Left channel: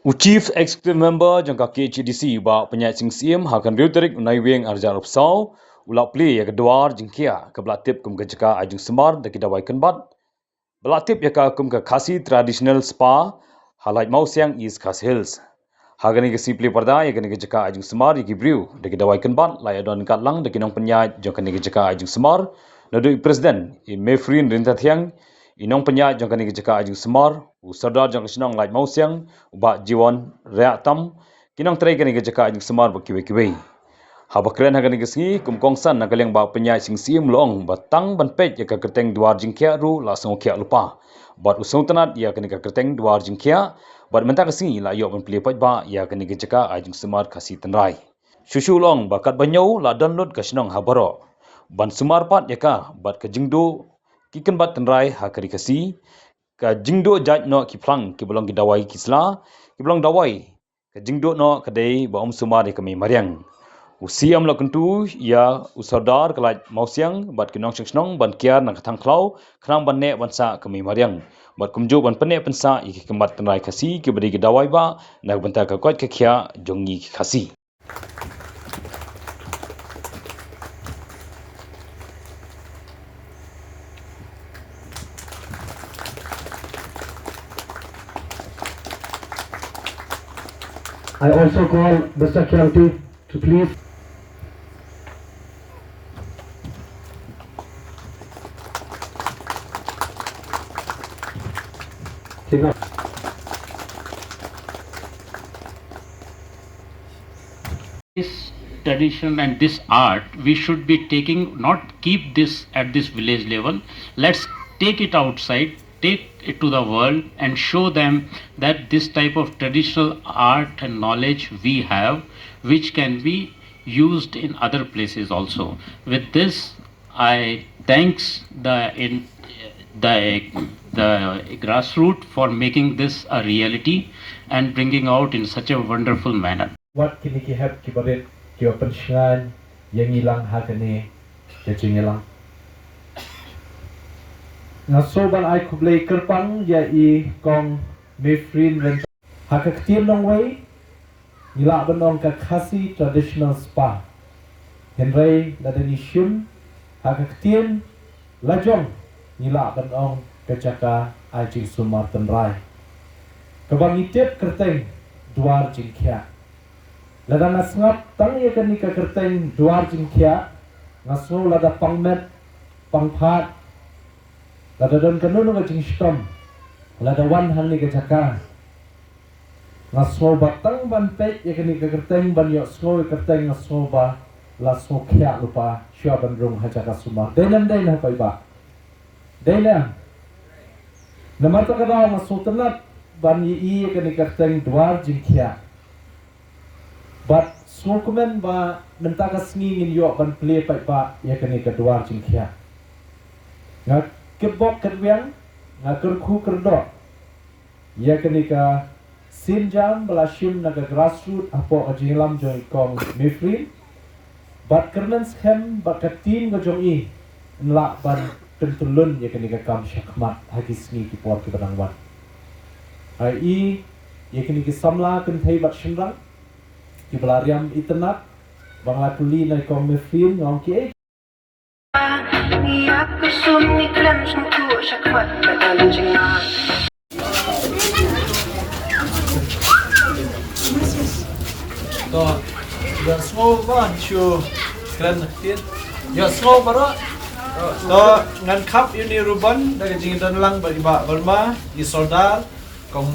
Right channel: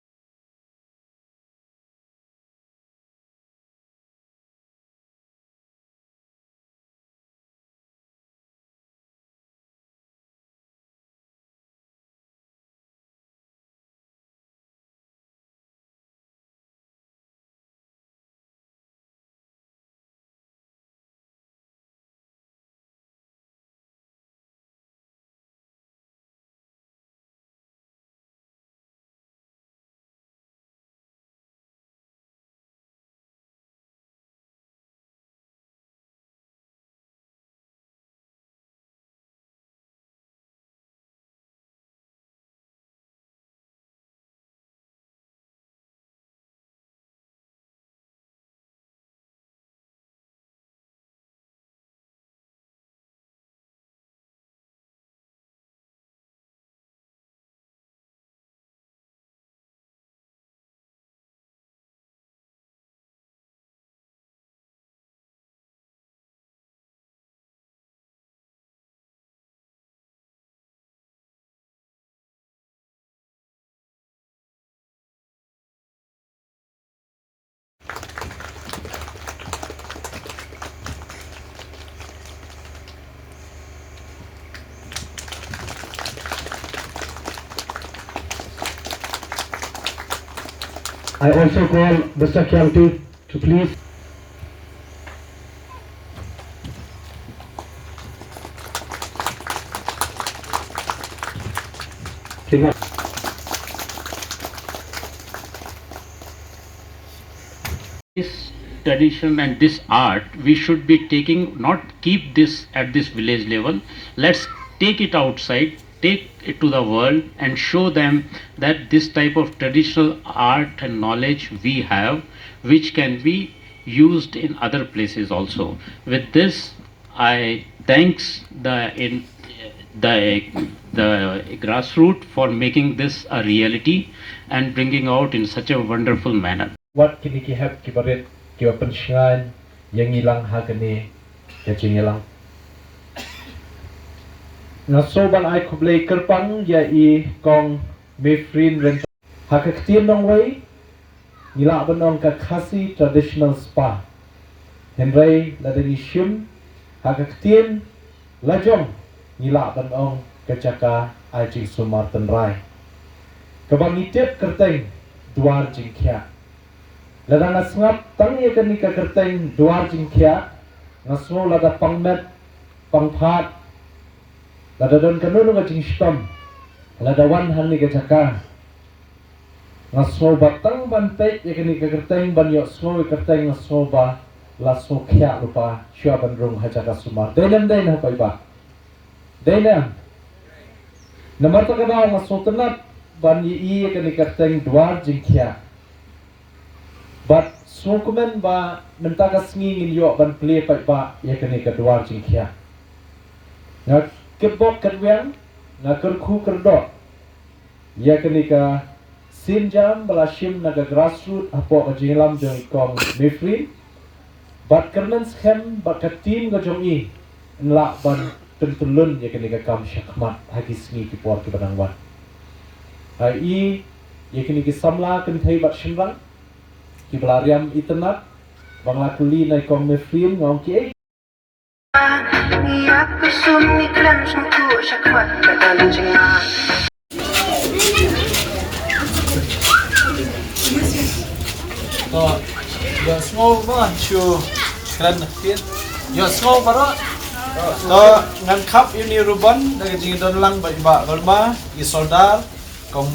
Chief Executive Member jangka KCDC ba penyat sing siem hakan riuterik unai weng arja rupsau ulak pli ya keduar jengkia ke belatip kum kejaka ajung semar daki dawai kenbat belatip ya kum ke Khasi Traditional Spa Laitmawsiang East Khasi Hills hagani ke sipli parda ya kene kejaka ajung semar ya kibriu daki dawai kenbat lai adon katlang daki nong penyat jangka kene kejaka ajung semar nadu presiden Mefrin Rintathiang inong penyat jangka kene kejaka ajung semar Sardar jang sinong Laitmawsiang uba jiwan reak tam kinong tray kani gejaka ajing semar bakiwe-kiwe. Habakren hagani gesngi kumkongsan nakaleng ba penyai sing sim long batang ban pej ya ka kerteng duar jingkia ru la song kia lupa. Bat usung tanat ya kani ka kerteng duar jingkia bat mentak gesngi la yok ban pli pej ba ya kani gejaka ajing semar Khasi tynrai. Shushu long bakat banyau la download ka sinong habaro. Ban sumar pat ya ka bat ka jingdo kiken bat tynrai ha kari kasi ka jingdo jaj no ki plang ki belong ki dawai ki sla ki belong dawai ka jingdo no kadai ba sumar ni kami mariang usiam la kuntu ya usardar kalaj mausiang bat kinong shnong ban kiar nang thang klau khnang ban ne ban sa kami mariang bat kumjo ban pene pensa iki kemat tynrai kasi ki bedi ki dawai ba nak bentar ka kwat ka khia jongi ki khasi. I also call the security to please clean up. This tradition and this art, we should be taking, not keep this at this village level. Let's take it outside, take it to the world and show them that this type of traditional art and knowledge we have, which can be used in other places also. With this, I thanks the grassroots for making this a reality and bringing out in such a wonderful manner. What kini ki have ki baret ki open shrine yang ilang ha kani ya ching ilang. Na soban ai kublai kerpang ya I kong Mefrin ren ha ka ktiem nong wei nila banong ka Khasi Traditional Spa. Henry la deni shim ha ka ktiem la jong nila banong ka jaka ai ching sumar tynrai. Kabang itep kerteng duar jingkia. Lada nasngap tang ya kani ka kerteng duar jingkia ngaso lada pangmet pangphat lada don kanunu ka jingstom lada wan han ni ka jaka ngaso batang ban pek ya kani ka kerteng ban yo so kerteng ngaso ba la so kya lupa shua ban rong ha jaka sumar denam den ha pai ba denam namar ta ka ba ngaso tanat ban yi ya kani kerteng duar jingkia. But sokumen ba nanta ka sngi ngin yo ban play pa ba ya kani ka duar jingkia. Nga kebok kerwiang nga kerku kerdo ya kani ka sinjam belashim naga grassroots apo ajinglam jo ikong Mefrin but kernen khem ba katim ga jong I nla ban tuntulun ya kani ka kam shakmat hagi sngi ki por ki badang ban. Ai ya kani ki samla kan thai bat shimlang ki belariam internet bangla kuli nai kong Mefrin ngong ki to yo small ban chu kran tin yo small baro to ngan khap ini ruban daga jing don lang ba iba balma I soldar kong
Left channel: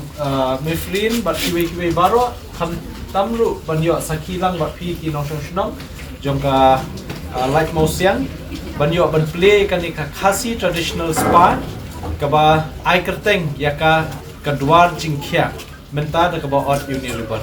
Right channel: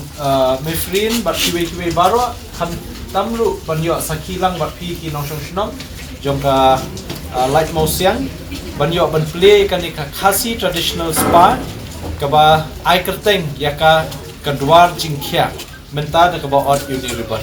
Mefrin bat kiwe baro khan tamlu ban yo sakhi lang bat phi ki nong shong shnong jongka Laitmawsiang ban yo ban play kani ka Khasi Traditional Spa ka ba ai kerteng ya ka duar jingkia menta da ka ba ot uni ruban.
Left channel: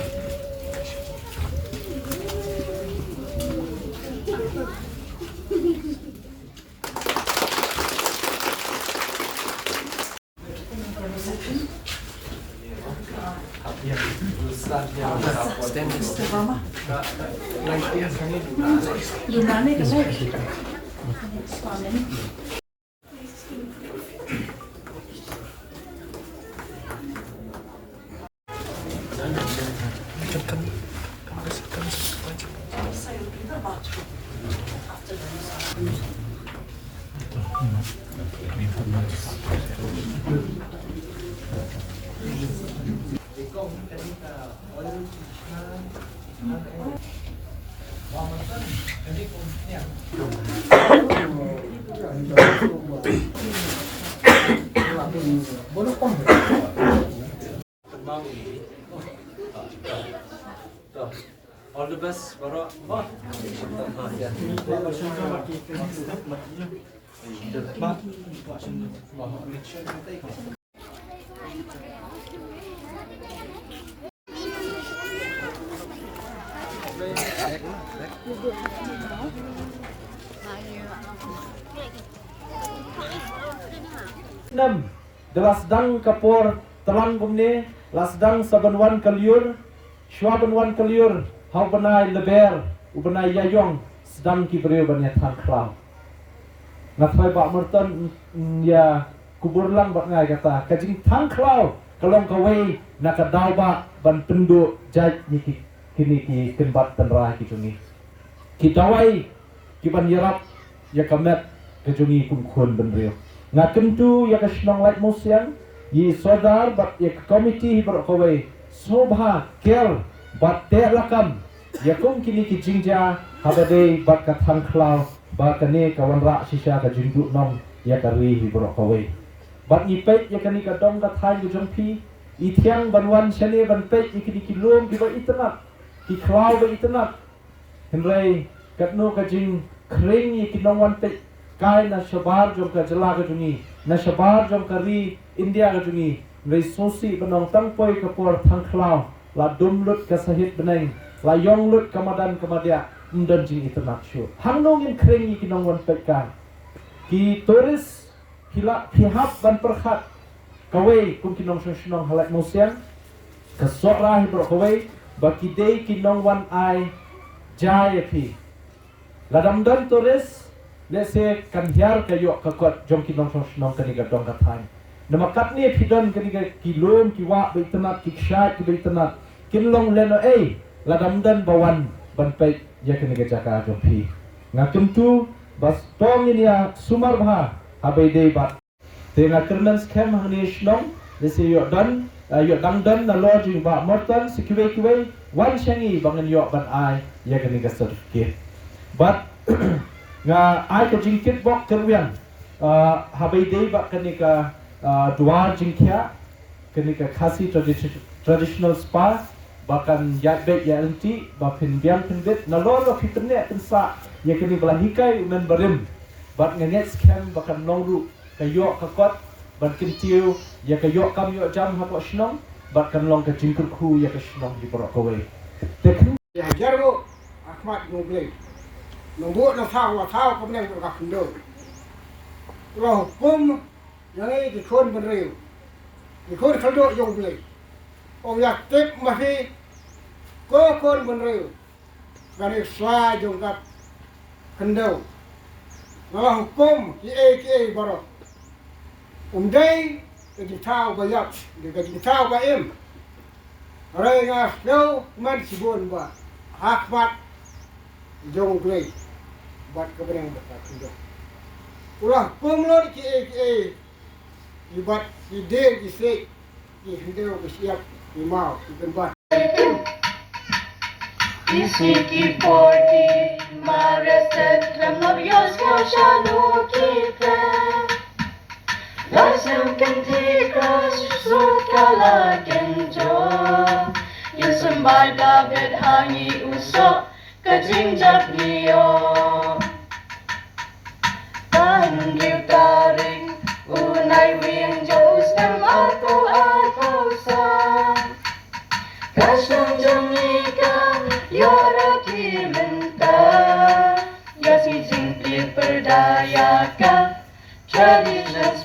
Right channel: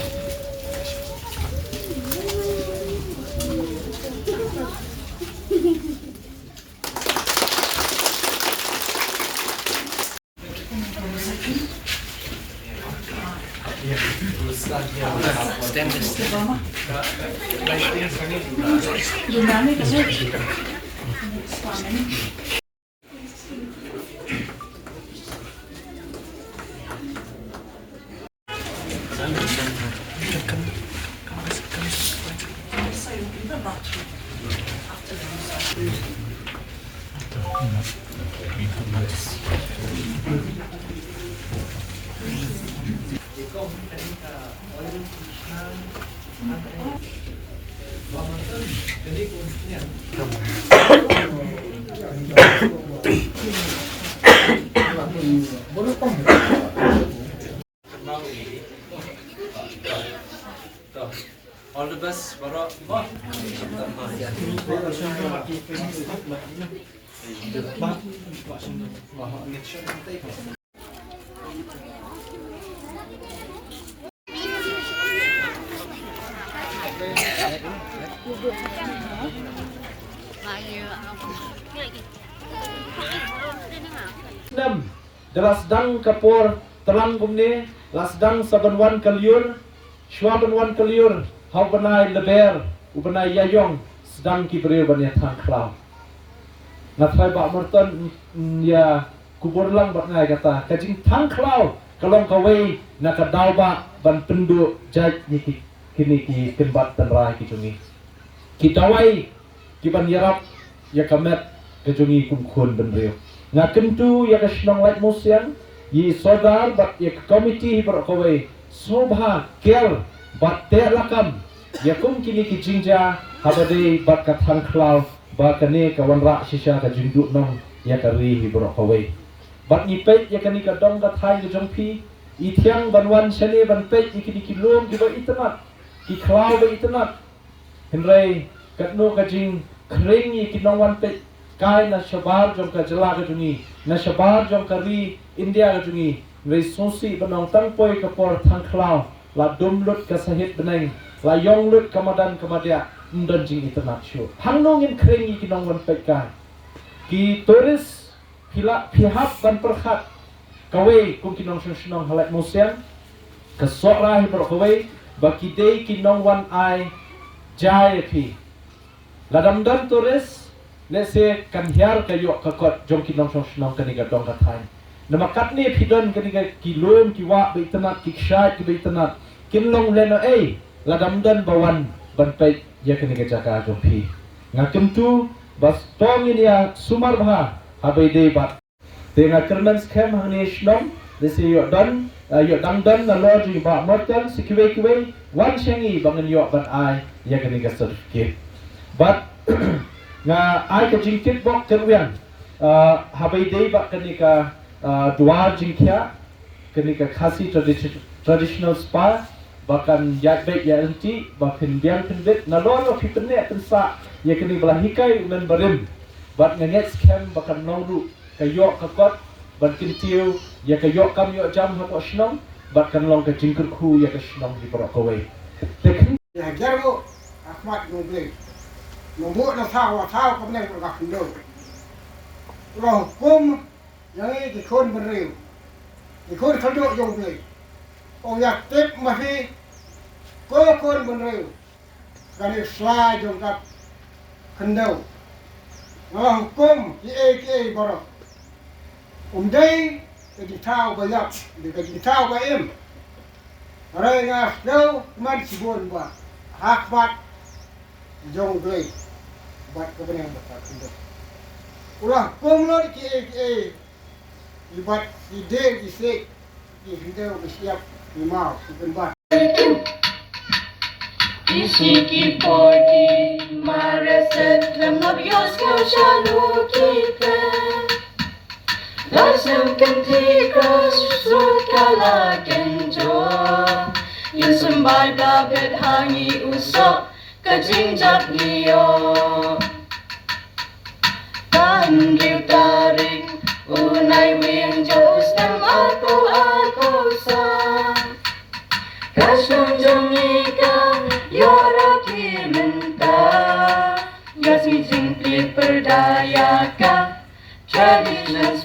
All the best, Bara. Nam Delasdang kapor terang kumne lasdang sabanwan kalyur shwabanwan kalyur hau banai leber ubanai yayong sedang kibreu banyak tangklau natrai bak merton ya kubur lang bak ngai kata kajing tangklau kalong kawai nakadau ba ban penduk jaj ni kini ki tempat tynrai ki cungi ki dawai ki ban yarap ya kamet kejungi kumkhun benreu ngakentu ya kasnong Laitmawsiang yi sodar bat ya komiti berkawai sobha kel bat te lakam ya kum kini ki jingja habade bat katang klau ba kane kawan ra shisha ka jingdu nong ya kari hi berkawai bat ni pet ya kani ka dong ka thai ki jongpi i thiang banwan shane ban pet ikini ki lom ki ba itnat ki klau ba itnat henrei katno ka jing kring yi ki nong wan pet kai na shabar jom ka jala ka jungi na shabar jom ka ri India ka jungi rei sosi banong tang poi ka por thang klau la dum lut ka sahit beneng la yong lut kamadan kamadia mdan jing itnat shu hangnong in krengi ki nong wan pek kai ki toris hila pihap ban perkhat kawe kum ki nong shnong Laitmawsiang ka sora hi bro kawe ba ki dei ki nong wan ai jai phi la dam dan toris let's say kan hiar kayo kakot jom ki nong shnong kani ga dong ka thai nama kat ni phidon kani ga ki lom ki wa be tanat ki shat ki be tanat kin long leno ei la dam dan bawan ban pe ya kani ga jaka jom phi ngakem tu bas tong ini ya sumar bha abai dei bat te nga kernan khem hangni shnong let's say yo dan yo dang dan na lo ji ba motan sikwe kwe wan shangi bangan yo ban ai ya kani ga certificate but nga ai ka jingkit bok terwian habai dei ba kanika duar jingkya kanika Khasi Traditional Spa bahkan yat bet ya enti bahkan biang pendit nalor lo fitne tensa ya kini belah hikai umen berim bat nganget scam bahkan nongru kayo kakot ban kintiu ya kayo kam yo jam hapo shnong bat kan long ka jingkut khu ya ka shnong di porok kowe tekin ya jaro Ahmad ngoble nombor na thao ko nang ka khindo lo hukum yang ki khon ben riu ki khon khaldo yong ble o ya tip mahi ko khon ben riu gani swa jong ka khindo lo hukum ki baro dei ki thao ba yak ki thao ba em rồi nga đâu man si bon ba Ahmad jong ble bat ko benang ba khindo ulah pemlo ki ibat ide di se di video siap di mau di tempat Isi ki porti maraset remorios ko shalu kita Lasem kentikos sukala kenjo Yusumbai babet hangi usok kajingjak niyo Tanggil tarik unai wing jauh nam aku sang Kasung jengika yoroti mentah Ya si jingkli perdaya ka Traditional